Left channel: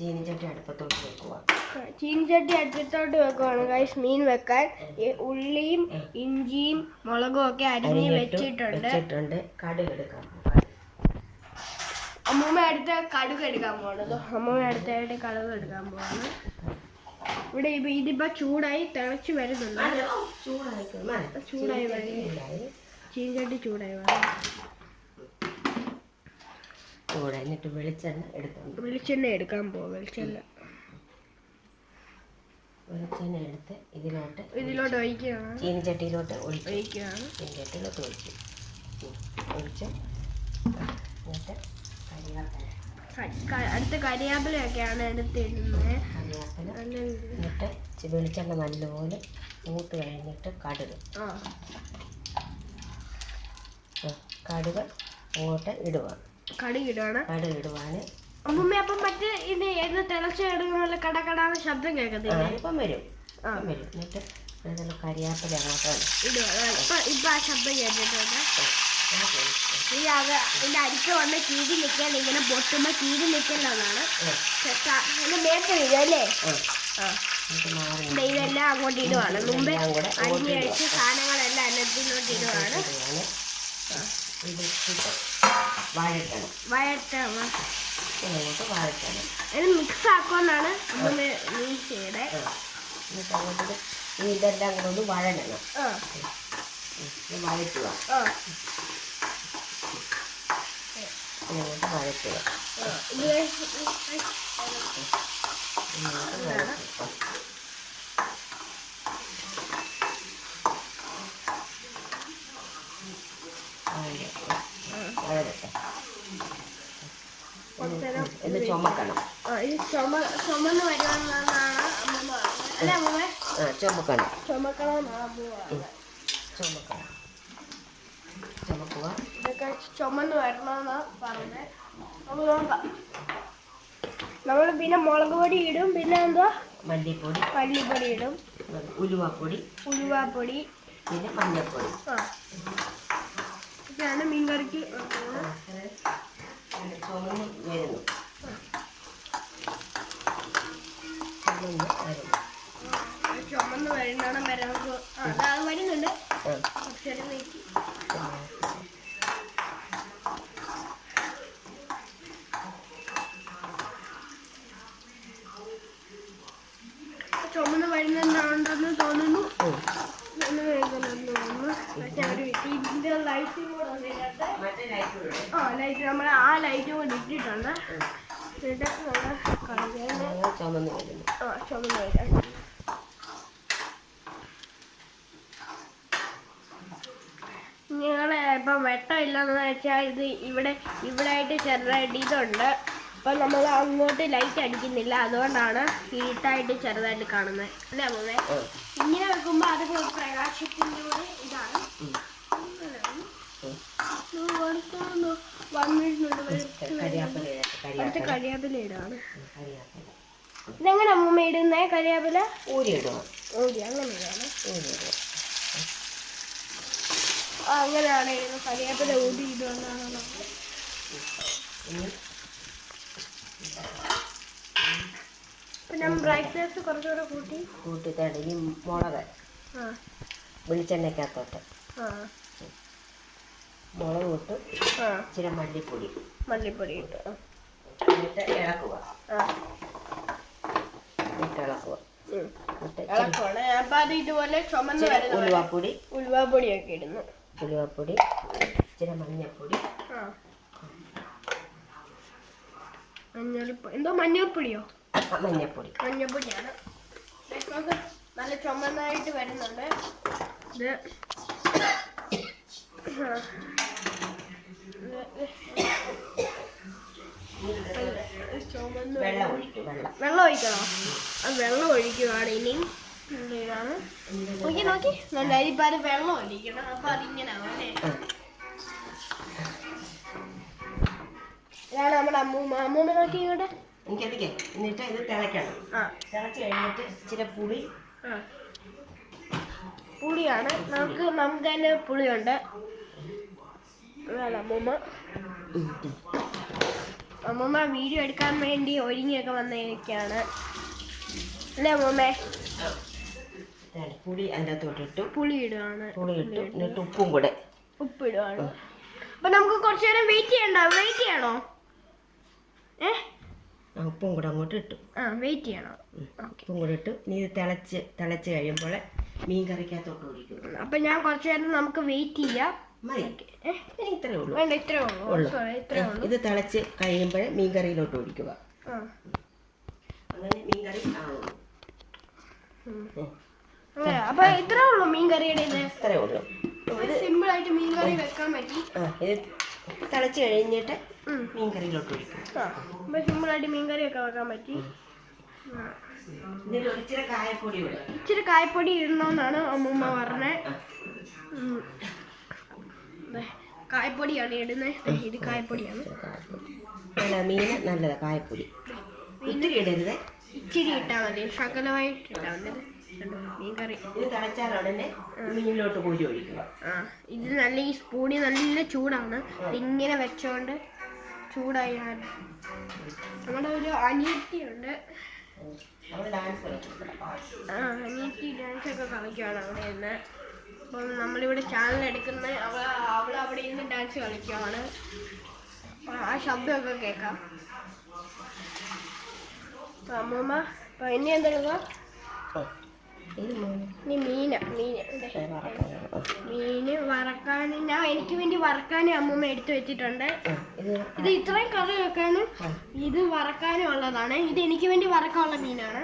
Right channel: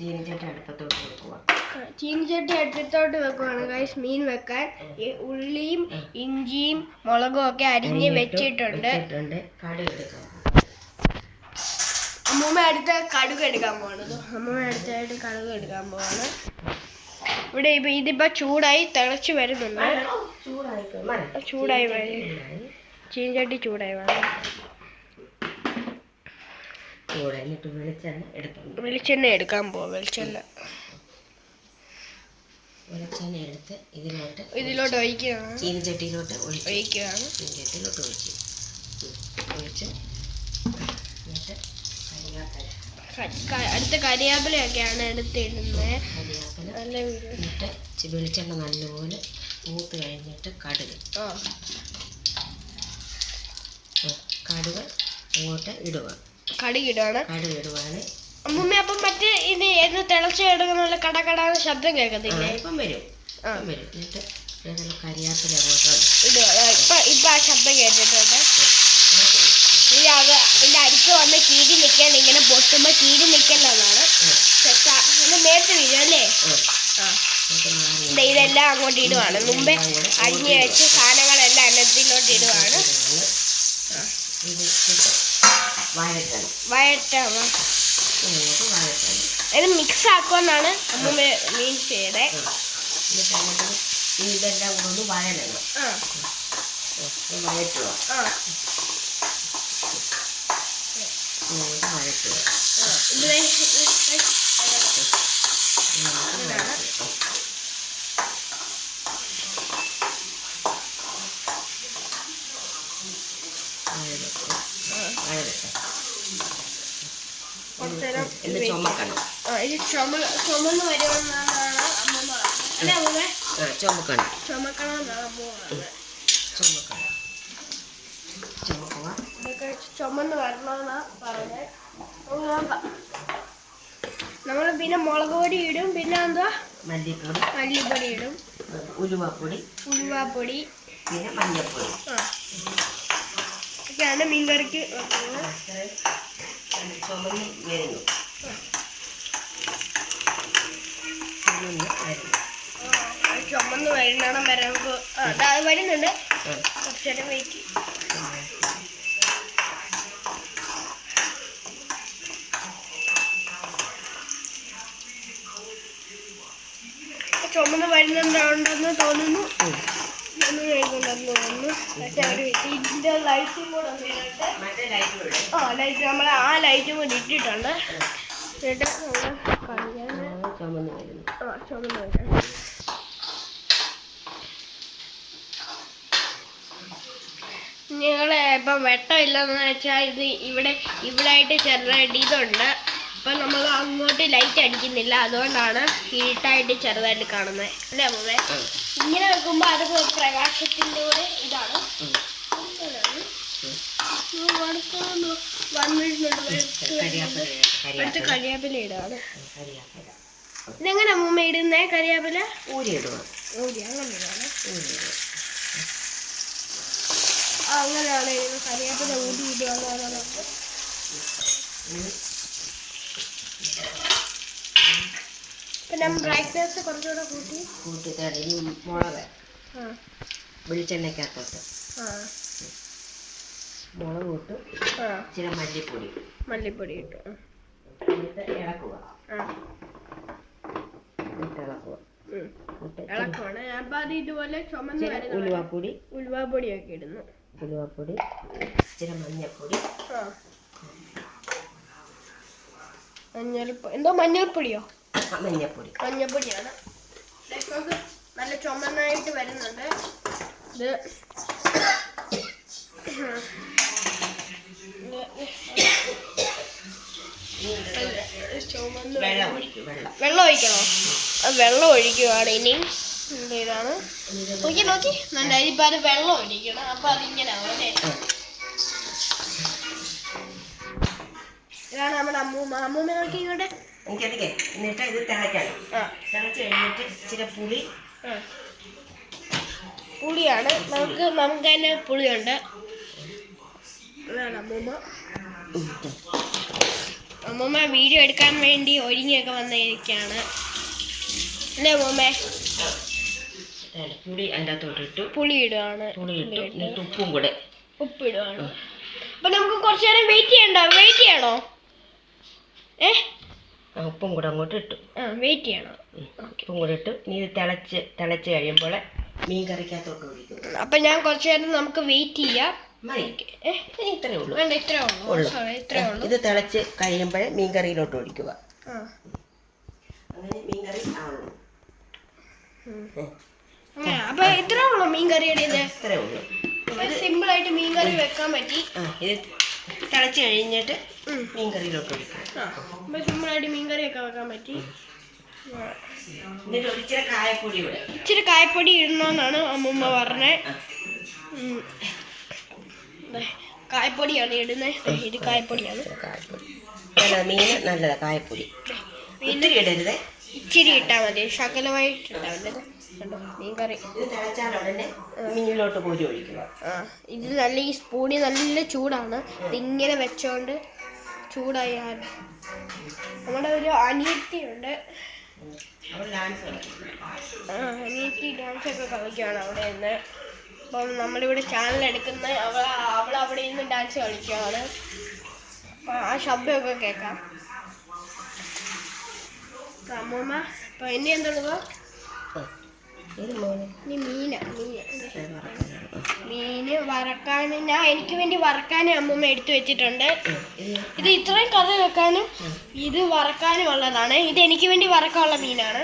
ചീനിച്ചട്ടി അടുപ്പത്തോട്ട് വെക്കുക. ചീനിച്ചട്ടി അടുപ്പത്തോട്ട് വെക്കുവാണ് ഗൈസ് മീൻ വെക്കാൻ. ഈ ഉള്ളിയും ഇഞ്ചിയും മുളകും ഒക്കെ അരിഞ്ഞ് വെച്ചിട്ടുണ്ട്. കടുക് എടുക്കാം. അമ്മൂമ്മ അടുത്ത കടുക് എടുക്കാൻ പോകണത്. അമ്മൂമ്മ അടുത്തായിട്ട് കടുക് എടുക്കാൻ പോവാണ്. ഇവിടെ ഇതിപ്പോ ചൂടായി തിളച്ച് വരുന്നുണ്ട്. ചൂടായി ചീനിച്ചട്ടി ചൂടായി വേണം. വെളിച്ചെണ്ണ എടുക്കാൻ പോവാം. വെളിച്ചെണ്ണ എടുത്ത് ഇതിലോട്ട് ഒഴിക്കുകയാണ്. ചീനിച്ചട്ടിയിലോട്ട് ഒഴിക്കുകയാണ്. ചീനിച്ചട്ടിയിലോട്ട് ഒഴിച്ച് അടുത്ത കരിയാപ്പിലൊക്കെയാണ് എടുത്തിടുന്നത്. വെളിച്ചെണ്ണ നല്ലപോലെ മൂത്ത് കഴിഞ്ഞിട്ട് കടുക് അങ്ങോട്ട് ഇടുവാണ്. അമ്മൂമ്മ അപ്പം മറ്റേ ഇത് എന്ന് തിളച്ച് എടുക്കുന്ന കടകടാന്ന് ശബ്ദം കേൾക്കത്തില്ലേ? ഇപ്പം വരും. എന്നിട്ട് കരിയാപ്പില അങ്ങോട്ട് ഇടുക. ഇപ്പൊ ആ ശബ്ദം കേട്ടിട്ടുണ്ട്. ഇതിന്റെ അരിക്ക് വന്ന് കീരി നിൽക്കാൻ ഇങ്ങനെ പൊട്ടുമ്പോ കീരി നിൽക്കലെന്നാണ് മേത്ത് വീഴും അല്ലേ? ഇതെല്ലാം അങ്ങോട്ട് ഇടുവാണ്. മുമ്പേ അരിഞ്ഞു വെച്ച് സാധനങ്ങളെല്ലാം അന്നത്തിലോട്ട് ഇടുവാണ്. വഴറ്റാണ്. ഇത് മിക്സ് ആക്കുമെന്നാണ് അമ്മൂമ്മ മീൻ ചെയ്തേ. ഇതെല്ലാം കൂടെ വഴറ്റണം. വഴറ്റുക. ചുമന്ന് വരുമെന്നാണ് അമ്മൂമ്മ അല്ലേ? അമ്മൂമ്മ ചുമക്കണം ചുമന്ന് വരണമെന്നാ പറഞ്ഞത്. നോക്കാം. നമ്മൾ പിന്നെ മുളക് പൊടി ഇടും. പിന്നെ എന്താ മല്ലിപ്പൊടി ഇടും. ഉലുവാപ്പൊടി പിന്നെ മഞ്ഞൾപ്പൊടി. ഒക്കെയാണ് മീൻകറിക്ക്. ചുമന്ന് വരണം വരുന്നുണ്ട്. കുറച്ചേരം വെയിറ്റ്. ചുമന്ന് വരുന്നുണ്ടെന്ന് തോന്നുന്നു. ഇതിന്റെ ലൈറ്റും കൂടെ ലൈറ്റ് നമ്മൾ ആ ലൈറ്റും കൂടി ഇട്ടിട്ടുണ്ട്. എന്നിട്ട് നമ്മൾ ചുമന്ന് വരാം. നിങ്ങളെ ഇപ്പം വെട്ടം ഇല്ലെന്ന് വെച്ചാൽ ഇത് ഇവിടെ ആയിട്ട് ചെറുതായിട്ട് ഇതുണ്ട്. അപ്പം നമ്മൾ അങ്ങോട്ട് ലൈറ്റ് അടിക്കുന്നില്ല. അതുകൊണ്ടാണ് ഇരുട്ടായിട്ട് ചെറുതായിട്ട് കാണുന്നത് അല്ലേ അമ്മേ? ഇങ്ങനെ വെക്കുമ്പോൾ അത് പ്രകാശത്തിൻ്റെ കൂടെ ഇതാണ്. അടുത്ത കരിയാപ്പില ഇടാണ്. ഇതെങ്ങനെ അമ്മൂമ്മ ഇടുന്നേ? കരിയാപ്പില ഊരി അങ്ങനെ ഇടാണ്. അങ്ങനെയാണ് ഇടുന്നത്. കരിയാപ്പില ഊരി ഇടുകയെന്നാണ്. പിന്നെ ബ്രൈറ്റ്നെസ് കുറച്ചുകൂടെ കൂട്ടി മുളക് വെളിച്ചെണ്ണയ്ക്കകത്തോട്ട് മുളക് ഇട്ടു. ഇച്ചിരി മല്ലിപ്പൊടി ഇട്ടു. എന്നിട്ട് ഇളക്കുക. അപ്പൊ അത് ഇതുപോലെ ചുമന്ന് വരുന്ന ഉലുവാപ്പൊടിയൊക്കെ ഇടുന്നു. ഉലുവാപ്പൊടി, ഇച്ചിരി മഞ്ഞൾപ്പൊടി. എന്തോ മഞ്ഞൾപ്പൊടിയോ? മഞ്ഞൾപ്പൊടിയാണ്. നല്ല ചുമന്നായിട്ട് വരുന്നുണ്ട്. ഇത് വെള്ളം ഒഴിക്കണോ? വെള്ളം ഒഴിക്കുവാണ് ഇനി. ഇതാണ് നോക്കി നല്ല ഇപ്പം അത് വെള്ളം ഒഴിക്കണം. അപ്പൊ അതിങ്ങനെ ആവും അല്ലേ? ഇതാണ് നമ്മുടെ അമ്മൂമ്മ നോക്കി ഇങ്ങോട്ട്. എന്നിട്ട് ഇത് തിളയ്ക്കണം. തിളച്ച് കഴിഞ്ഞിട്ട് ഇച്ചിരി പുളിയാണ്. നമുക്ക് തന്നെ പുളിയുണ്ട്. ഇതാണ് അമ്മൂമ്മ. അമ്മൂമ്മ വീഡിയോ എടുക്കാൻ വേണ്ടി ഒരുങ്ങിയൊക്കെ വന്നിരിക്കുകയാണ് അല്ലേ അമ്മൂമ്മ? പുളി അതിൻ്റെ അകത്തോട്ട് ഇട്ടു. പുളി ഇടുകയാണ്. എന്നിട്ട് ഉപ്പും കൂടെ ഉപ്പിടുകയാണ്. അപ്പൊ നമുക്ക് കുറച്ചു നേരം വെയിറ്റ് ചെയ്യണോ? ഉപ്പും കൂടെ അങ്ങോട്ട് ഇട്ടു. വെയിറ്റ് ചെയ്യണം. ഉപ്പും കൂടെ ഇട്ടു. ഇനി ഇത് തിളച്ച് കഴിയുമ്പോൾ മീൻ കറിക്കകത്തോട്ട് ഒഴിക്കും. അപ്പൊ ഞാൻ കുറച്ചു നേരം നമുക്ക് വെയിറ്റ് ചെയ്യാം. ഇത്രേ ഉള്ളൂ. വേണ്ട, ഇത്രേ ഉള്ളൂ. ഇത് തിളച്ച് കഴിയുമ്പോൾ മീൻ കറിയിലോട്ട് ഒഴിക്കുക. അങ്ങനെ മീൻ കറി ആവുന്നു. അങ്ങനെ അപ്പൊ ഇത്രേ ഉള്ളൂ മീൻ കറിയുടെ ഇത്. ഇത്രേ ഉള്ളൂ. സിമ്പിൾ ആയിട്ട് മീൻ കറി വെക്കാൻ പറ്റി. ഇത് തിളച്ച് കഴിഞ്ഞിട്ട് മീൻ കറിയിലോട്ട് ഒഴിക്കുക. അപ്പൊ സിമ്പിൾ ആയിട്ട് മീൻ കറി ഒക്കെ വെക്കാൻ പറ്റി. ഇച്ചിരി കായപ്പൊടി ഇടണമെന്നാണ് അമ്മൂമ്മ പറഞ്ഞത്. കായപ്പൊടിയാണ് ഇടുന്നത്. ഇത് കായപ്പൊടിയാണ്. മീൻ നല്ലതാ. കായപ്പൊടി ഇത്തിരി ഇടരുത്, ഇച്ചിരി ഇട്ടാൽ മതി. ശകലമായിട്ട് ഇട്ടാൽ മതി. മീൻ കറി ഇത് തിളച്ചാൽ ഉടനെ മീനിലോട്ട് കോരി ഒഴിക്കുക. ഇത് നല്ല ഈ സ്പൂണി നല്ല ചൂടാണ്. ഇതിങ്ങനെ വെച്ചോണ്ട് ചൂടായി. നമ്മുടെ ഒരു അനിയത്തിയുണ്ട്. അനിയത്തി ഡാൻസ് ഒക്കെ കളിക്കുകയാണ് അവിടെ നിന്ന്. അപ്പം നമ്മളിവിടെ ചാനൽ എടുക്കുന്ന അവൾ അവിടെ നിന്ന് ഡാൻസ് കളിക്കുകയാണ്. അപ്പം ആ ശബ്ദമൊക്കെ കേൾക്കാം. അമ്മൂമ്മ അപ്പം എന്നെ എന്തെടുക്കുക? മീന് വറക്കാൻ എനിക്ക് വേണ്ടി വറക്കാനും അമ്മൂമ്മ എടുത്തു വെച്ചിട്ടുണ്ട്. ഇത് ഇത്രയും കറി വെക്കാനും ഇത് വറക്കാനും ഉള്ളതാണ്. ഇത് എനിക്ക് വേണ്ടി വറക്കാനുള്ള മീനാണ്.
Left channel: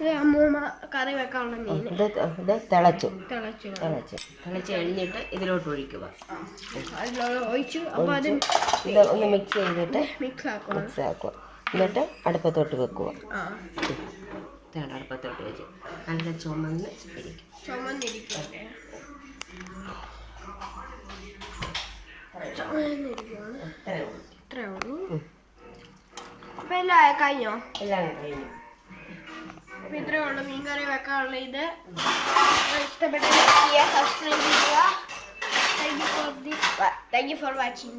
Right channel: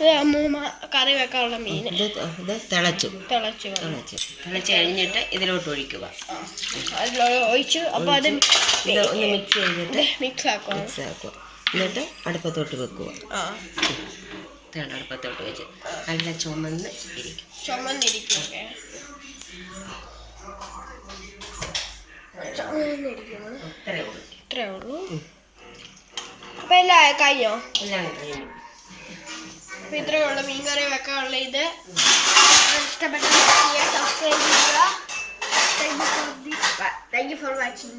ഇത് അമ്മൂമ്മ കറി വെക്കാനുള്ള മീൻ. തിളച്ച് കഴിഞ്ഞിട്ട് ഇതിലോട്ട് ഒഴിക്കുക. ഒഴിച്ചു. അപ്പോൾ അത് ഒന്ന് മിക്സ് ചെയ്തിട്ട് മിക്സ് ആക്കുക. എന്നിട്ട് അടുപ്പത്തോട്ട് വെക്കുക. അടുപ്പത്തോട്ട് വെച്ച് നല്ല ചുമന്നിരിക്കും. ഇത്രേ ഉള്ളൂ. അപ്പൊ എല്ലാം കഴിഞ്ഞോ? എല്ലാം കഴിഞ്ഞു. അപ്പൊ ഇത്രയേ ഉള്ളൂ മീൻ കറി വെക്കാനുള്ള ഇത്. ഇഷ്ടപ്പെട്ട സബ്സ്ക്രൈബ് ചെയ്യുക. Thank you for watching.